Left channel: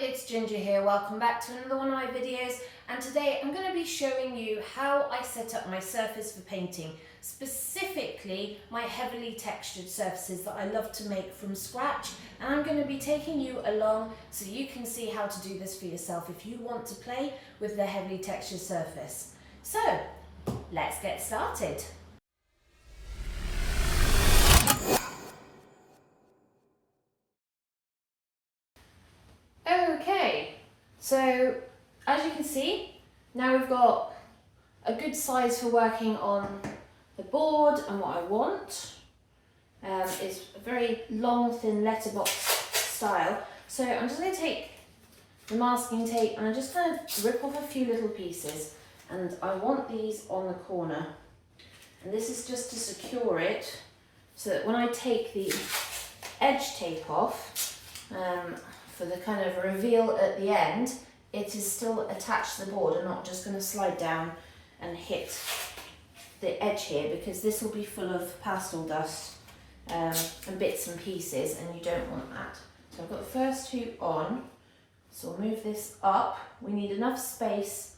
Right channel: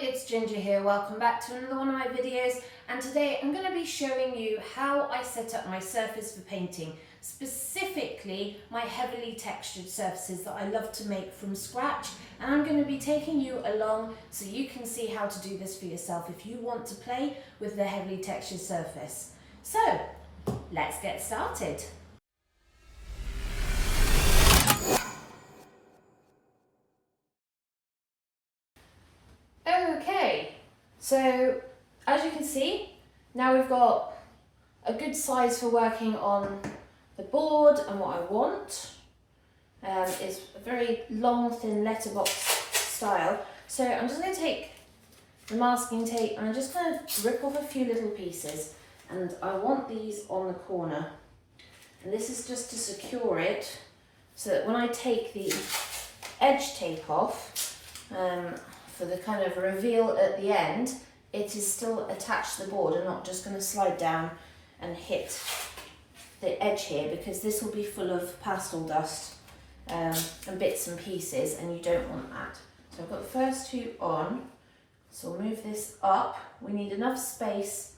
it's Ginger here. Welcome back to another one of my videos, and today I'm going to be showing you how I set up my surface for painting, specifically my heavily textured surfaces that I love to make from scratch, and I'm going to be taking you along so you can see how to do this for yourself if you want to play with the heavily textured surface. So let's get started. Okay, so as you can see, now we've got a good size for working on the board, and what I want is a very long, thin letterbox style. So I'm just going to take the masking tape and I'm just going to rip off a few little pieces, and I want these on the corner, and this is just to secure it so that when I take the edge tape off, for the kind of reveal at the end, it is still attached to the board and not just going to slide down and hit the edge here, because this will be full of pastel dust and bits and pieces, and you don't want that. So I've got the first two on, so we'll move this up. We need enough space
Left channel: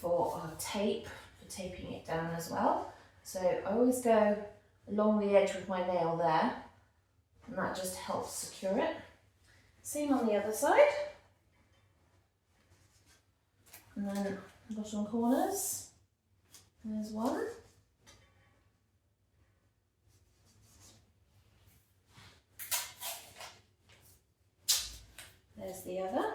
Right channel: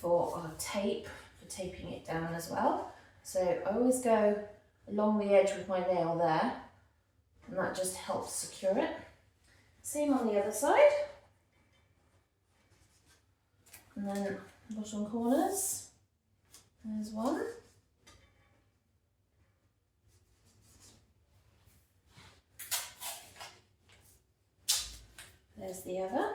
for our tape, for taping it down as well. So I always go along the edge with my nail there, and that just helps secure it. Same on the other side, and then bottom corners, there's one, there's the other,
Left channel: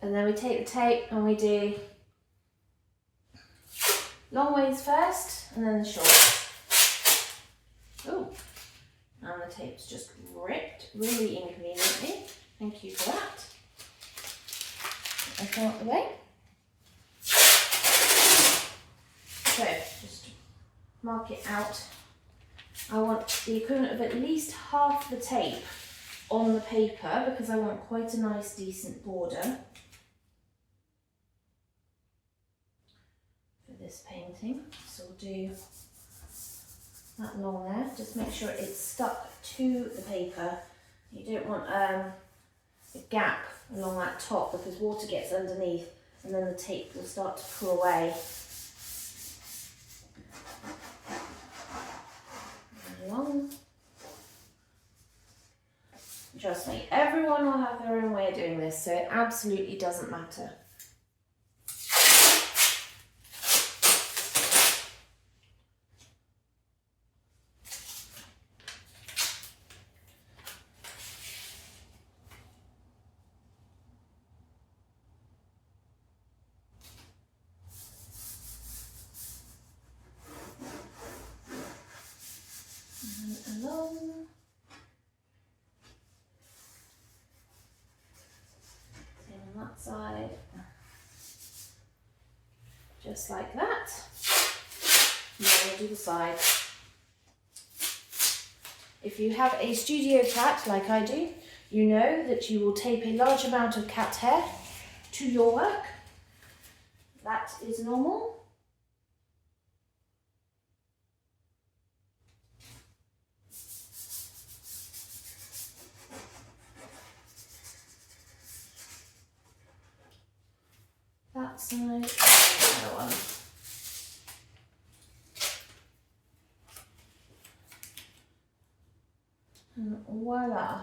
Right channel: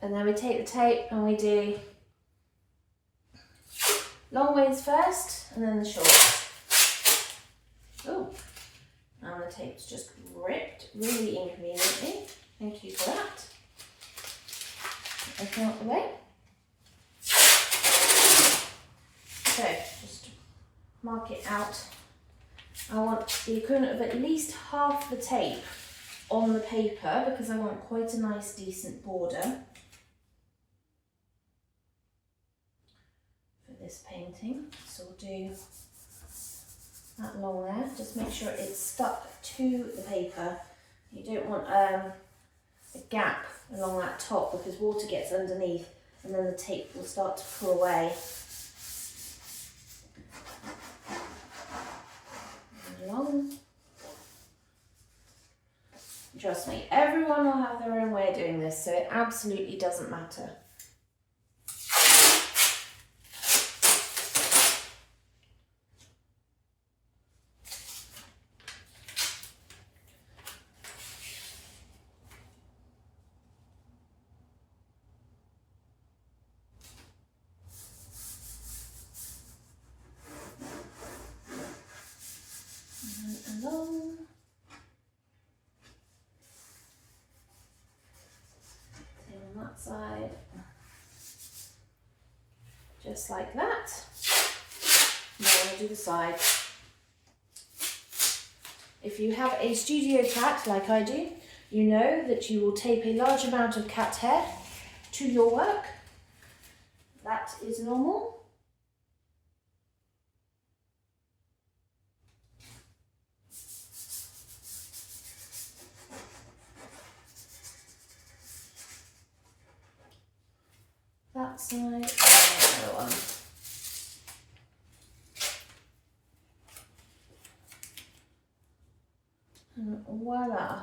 and then we take the tape and we do long ways first and then the short. Oh, and the tape's just ripped really inconveniently. Thank you for that. Open out the way. So just mark it out. I want the equivalent of at least half the tape on the paper because I want quite a nice decent border for this painting. So we'll do that along there. Just make sure it's stuck to the paper. You don't want a gap along that top, because water gets underneath and then the tape will start to pull away. Along. Trust me, everyone will have their own way of doing this, so it absolutely doesn't matter. Along. Same on that side. Just like that. Now we'll do the side. If you have a studio cat like I do, you know that you will tape a large amount of cat hair to your work. That is normal. That side and the other one. And voila.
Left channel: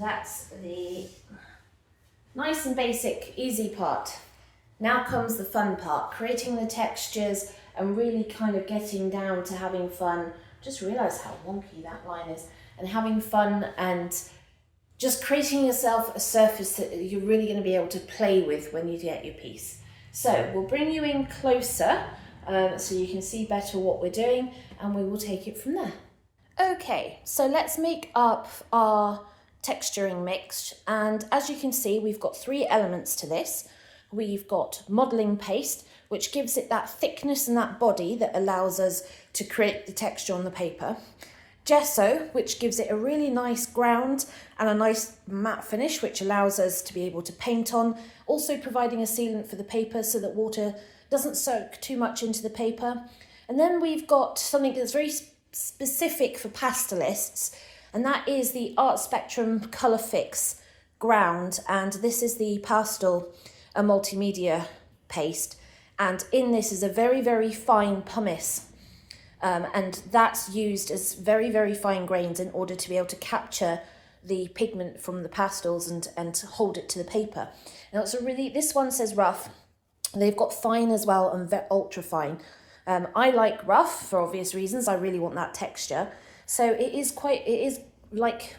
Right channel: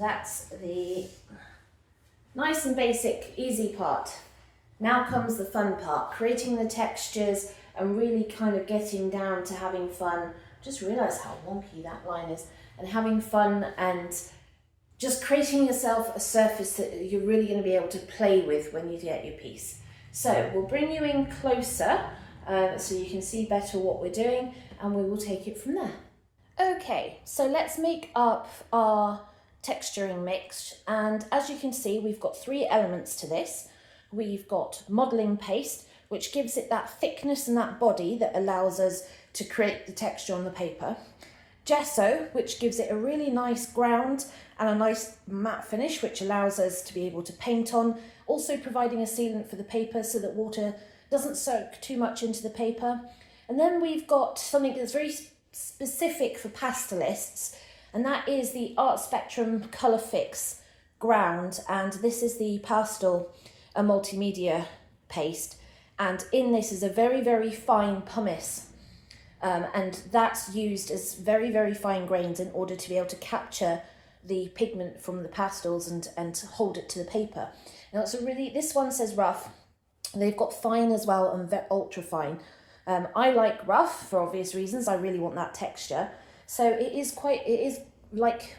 That's the nice and basic, easy part. Now comes the fun part, creating the textures and really kind of getting down to having fun. Just realise how wonky that line is, and having fun and just creating yourself a surface that you're really going to be able to play with when you get your piece. So we'll bring you in closer so you can see better what we're doing, and we will take it from there. Okay, so let's make up our texturing mix, and as you can see, we've got three elements to this. We've got modelling paste, which gives it that thickness and that body that allows us to create the texture on the paper. Gesso, which gives it a really nice ground and a nice matte finish, which allows us to be able to paint on. also providing a sealant for the paper so that water doesn't soak too much into the paper. And then we've got something that's very specific for pastelists, and that is the Art Spectrum Colour Fix ground, and this is the pastel multimedia paste, and in this is a very, very fine pumice, and that's used as very, very fine grains in order to be able to capture the pigment from the pastels and hold it to the paper. Now it's a really, this one says rough, they've got fine as well and ultra fine. I like rough for obvious reasons. I really want that texture. So it is like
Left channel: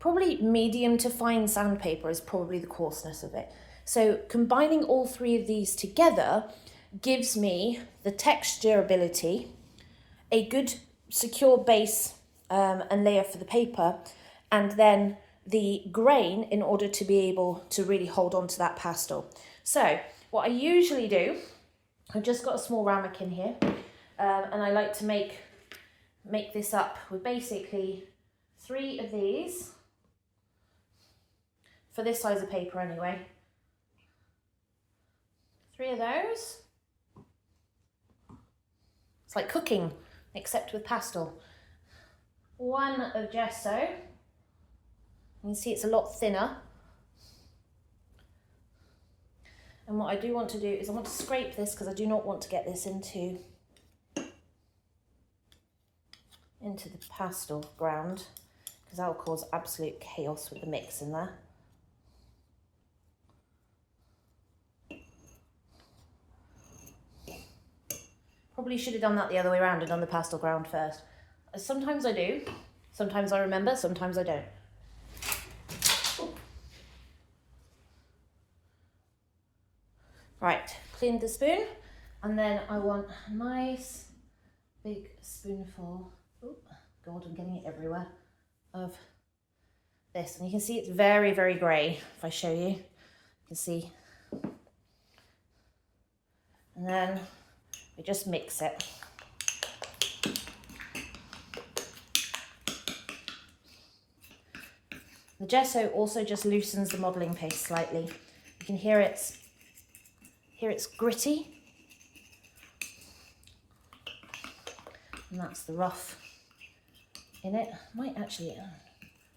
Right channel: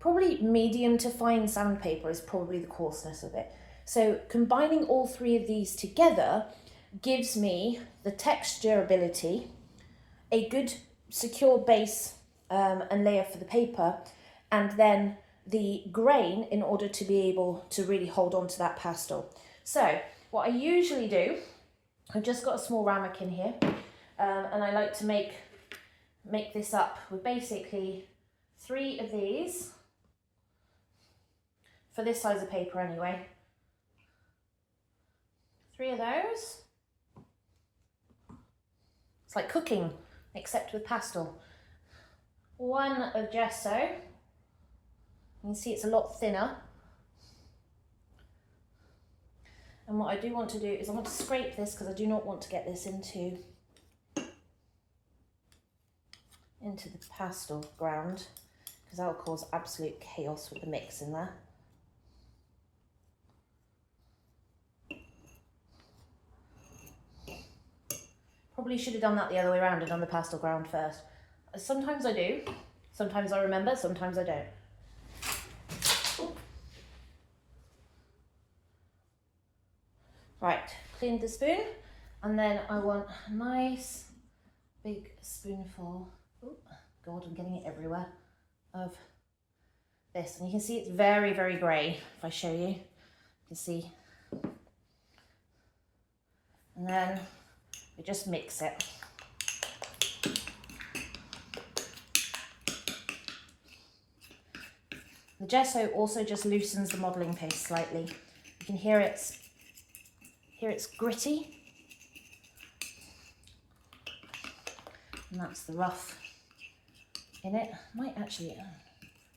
probably medium to fine sandpaper is probably the coarseness of it. So combining all three of these together gives me the texturability, a good secure base and layer for the paper, and then the grain in order to be able to really hold on to that pastel. So what I usually do, I've just got a small ramekin here, and I like to make this up with basically 3 of these, for this size of paper anyway. 3 of those. It's like cooking, except with pastel. 1 of gesso. You can see it's a lot thinner. And what I do want to do is I want to scrape this because I do not want to get this into the pastel ground, because that will cause absolute chaos with the mix in there. Probably should have done that the other way around and done the pastel ground first. Sometimes I do, sometimes I remember, sometimes I don't. Right, clean the spoon, and then I want a nice big spoonful, oh God, I'm getting it everywhere, of this. And you can see it's very, very grey. If I show you, you can see. And then we just mix it. The gesso also just loosens the modelling paste slightly. You can hear it's gritty, and that's the rough in it. Might actually,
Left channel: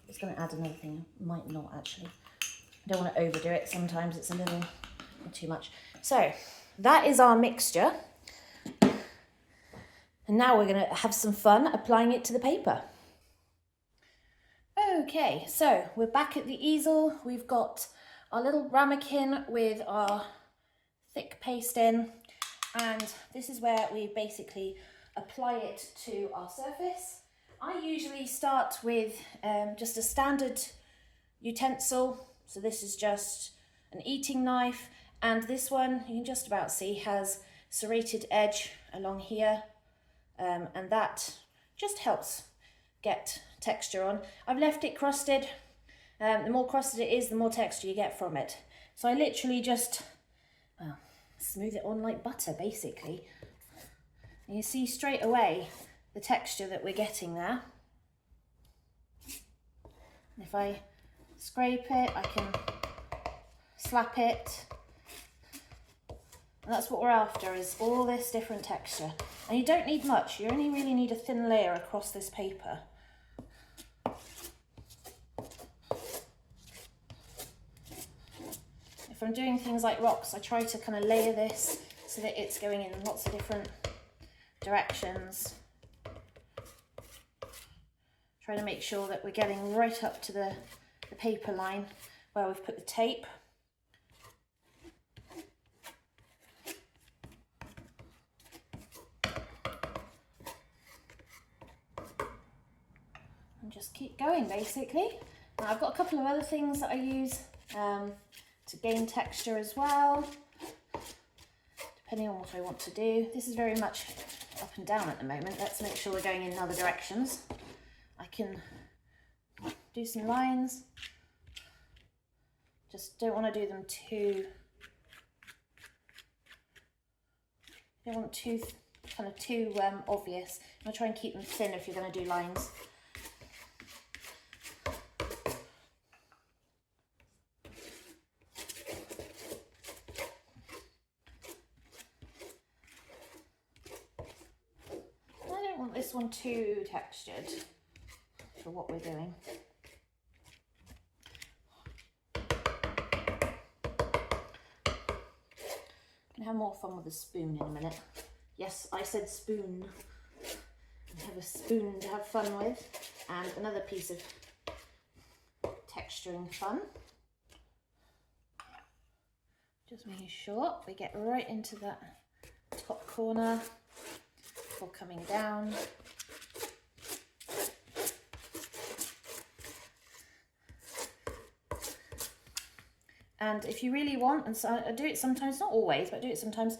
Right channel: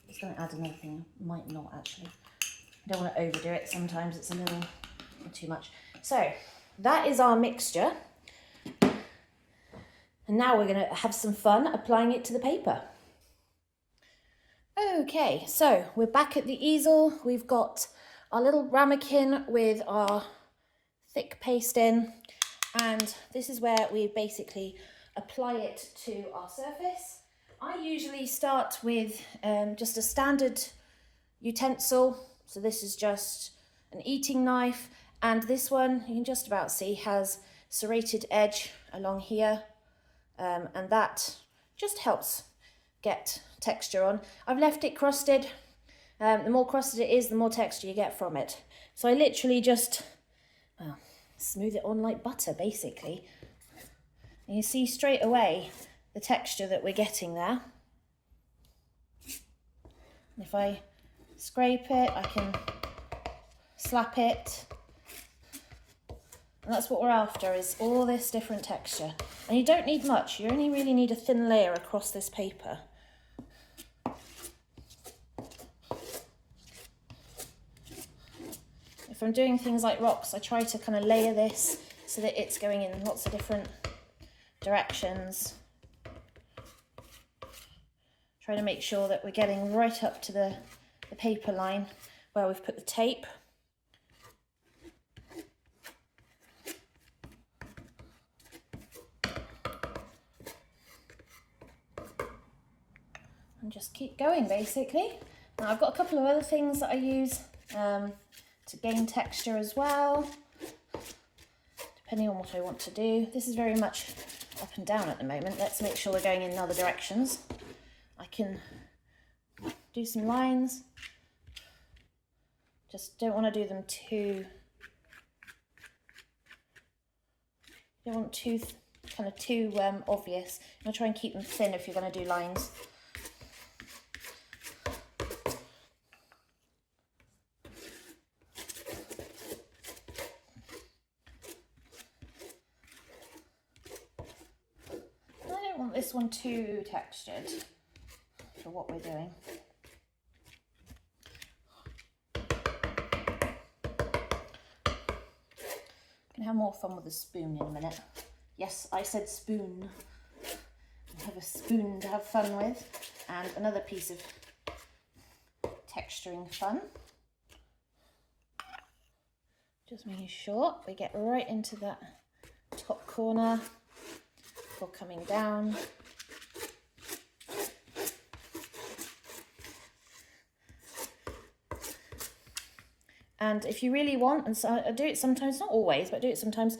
it's going to add another thing, might not actually. I don't want to overdo it, sometimes it's a little too much. So that is our mixture, and now we're going to have some fun applying it to the paper. Okay, so we're back at the easel. We've got our little ramekin with our thick paste in, and this is where we basically apply it to our surface. I usually start with just a standard utensil, so this is just an eating knife, and this one you can just about see has serrated edge along here, and that just helps get texture on. I've left it crusted. The more crusted it is, the more texture you get from it. So I literally just smooth it on like butter, basically. And you see straight away the texture that we're getting there. And if I scrape it, I can slap it. And that's what we're after, is all this different texture. And you don't need much, you only really need a thin layer across this paper. If I'm doing things like rocks, I try to kind of layer this so that it's going in lots of different directions. Try to make sure that we're getting right up to the paper line where we've put the tape. And just keep going, basically. Now I've got a couple of other things that I use to gain texture as well, depending on what I want to do. This is very much up and down at the moment. Let's make sure we're going in other directions. I can do some lines. Just don't want to do them too, don't want too obvious. I'll try and keep them thin if you're going to do lines. this one too textured for what we're doing. Gonna have more fun with a spoon in a minute. Yes, I said spoon. I have a spoon to have fun with, and another piece of texturing fun. Just making sure we get right into that top corner before coming down. And if you really want, and so I do it sometimes, not always, but I do it sometimes,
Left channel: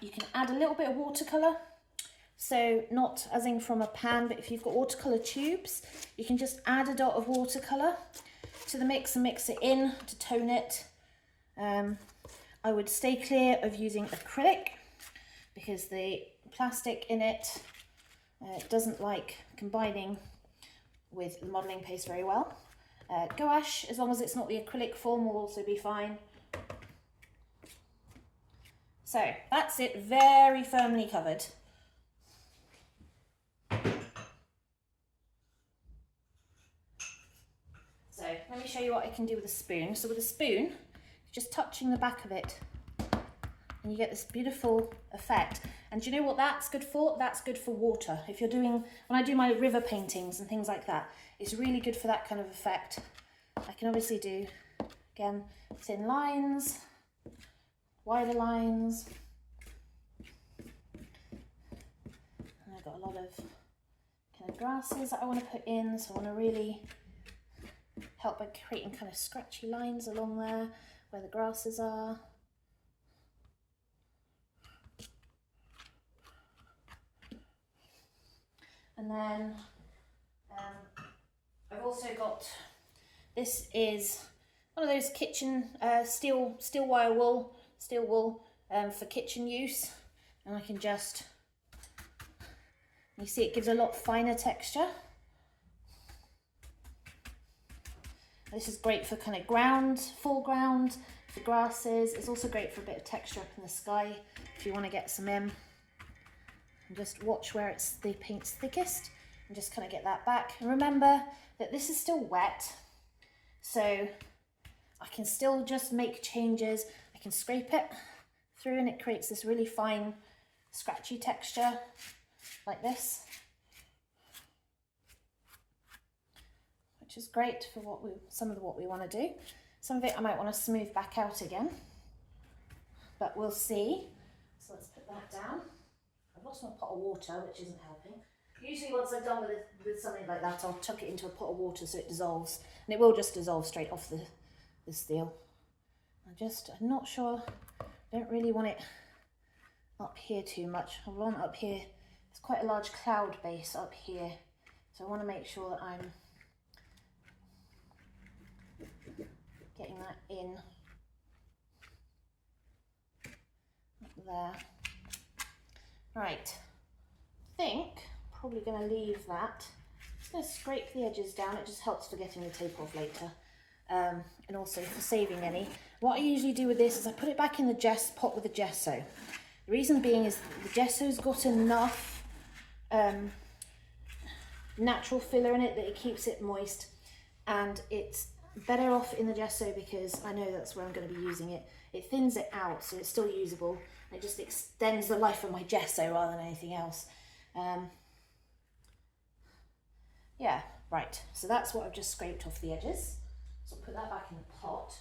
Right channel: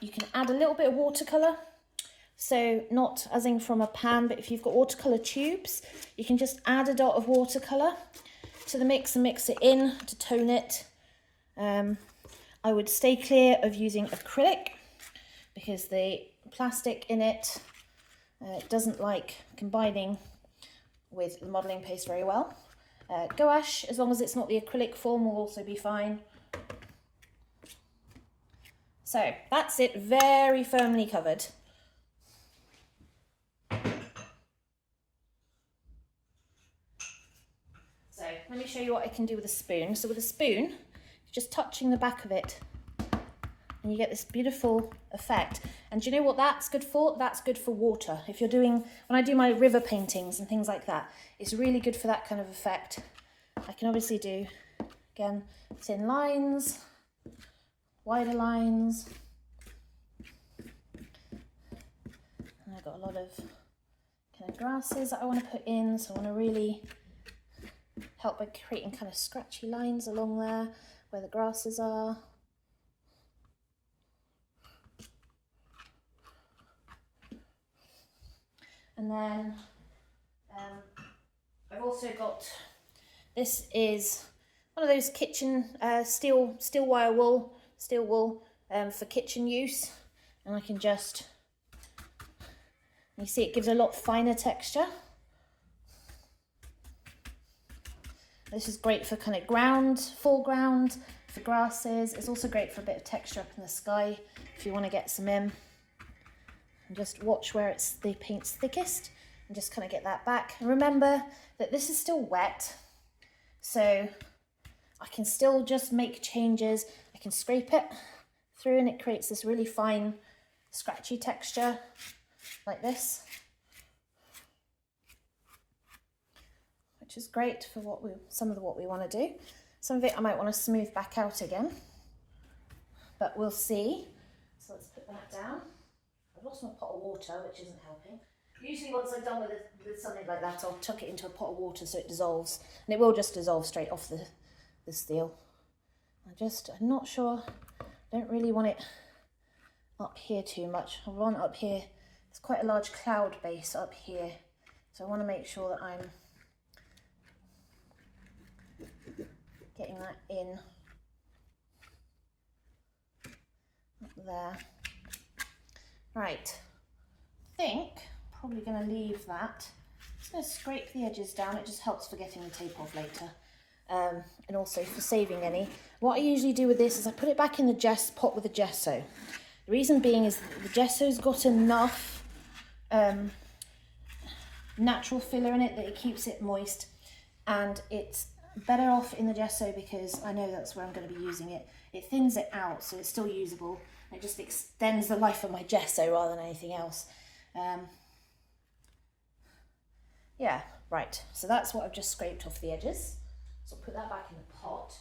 you can add a little bit of watercolour. So not as in from a pan, but if you've got watercolour tubes, you can just add a dot of watercolour to the mix and mix it in to tone it. I would stay clear of using acrylic because the plastic in it doesn't like combining with the modelling paste very well. Gouache, as long as it's not the acrylic form, will also be fine. So that's it, very firmly covered. So let me show you what I can do with a spoon. So with a spoon, just touching the back of it, and you get this beautiful effect. And do you know what that's good for? That's good for water. If you're doing, when I do my river paintings and things like that, it's really good for that kind of effect. I can obviously do, again, thin lines, wider lines. And I've got a lot of kind of grasses that I want to put in, so I want to really help by creating kind of scratchy lines along there where the grasses are. And then I've also got, this is one of those kitchen steel wool for kitchen use, and I can just, you see it gives a lot finer texture. This is great for kind of ground, foreground, for grasses. It's also great for a bit of texture up in the sky if you want to get some in. And just watch where it's the paint's thickest and just kind of get that back. And remember that this is still wet, so I can still just make changes. I can scrape it through and it creates this really fine scratchy texture like this, which is great for what some of what we want to do. Some of it I might want to smooth back out again, but we'll see. So let's put that down. I've lost my pot of water, which isn't helping. Usually once I've done with something like that, I'll tuck it into a pot of water so it dissolves, and it will just dissolve straight off the steel. I'm not sure, I don't really want it up here too much. I want up here, there's quite a large cloud base up here, so I want to make sure that I'm getting that in up there. Right, I think probably going to leave that. I'm just going to scrape the edges down. It just helps for getting the tape off later, and also for saving any. What I usually do with this is I put it back in the pot with the gesso. The reason being is the gesso's got enough natural filler in it that it keeps it moist, and it's better off in the gesso because I know that's where I'm going to be using it. It thins it out so it's still usable. It just extends the life of my gesso rather than anything else. Yeah, right. So that's what I've just scraped off the edges. So I'll put that back in the pot.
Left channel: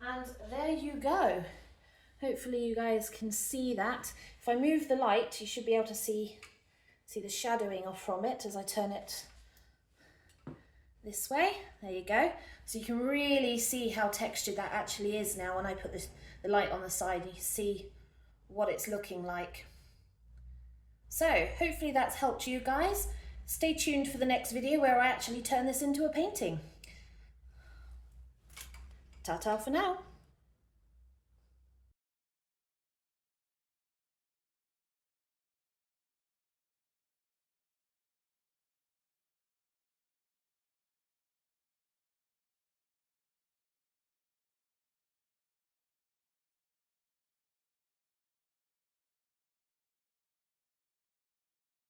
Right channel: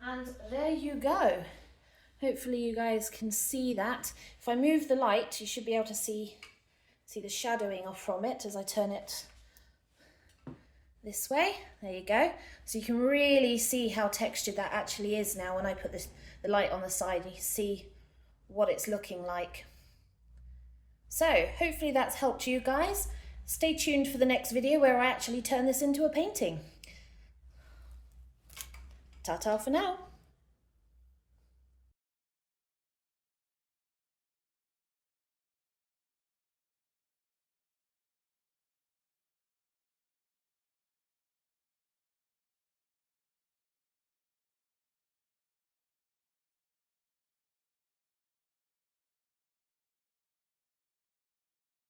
And there you go. Hopefully you guys can see that. If I move the light, you should be able to see the shadowing off from it as I turn it this way. There you go. So you can really see how textured that actually is now when I put the light on the side. You can see what it's looking like. So hopefully that's helped you guys. Stay tuned for the next video where I actually turn this into a painting. Ta-ta for now.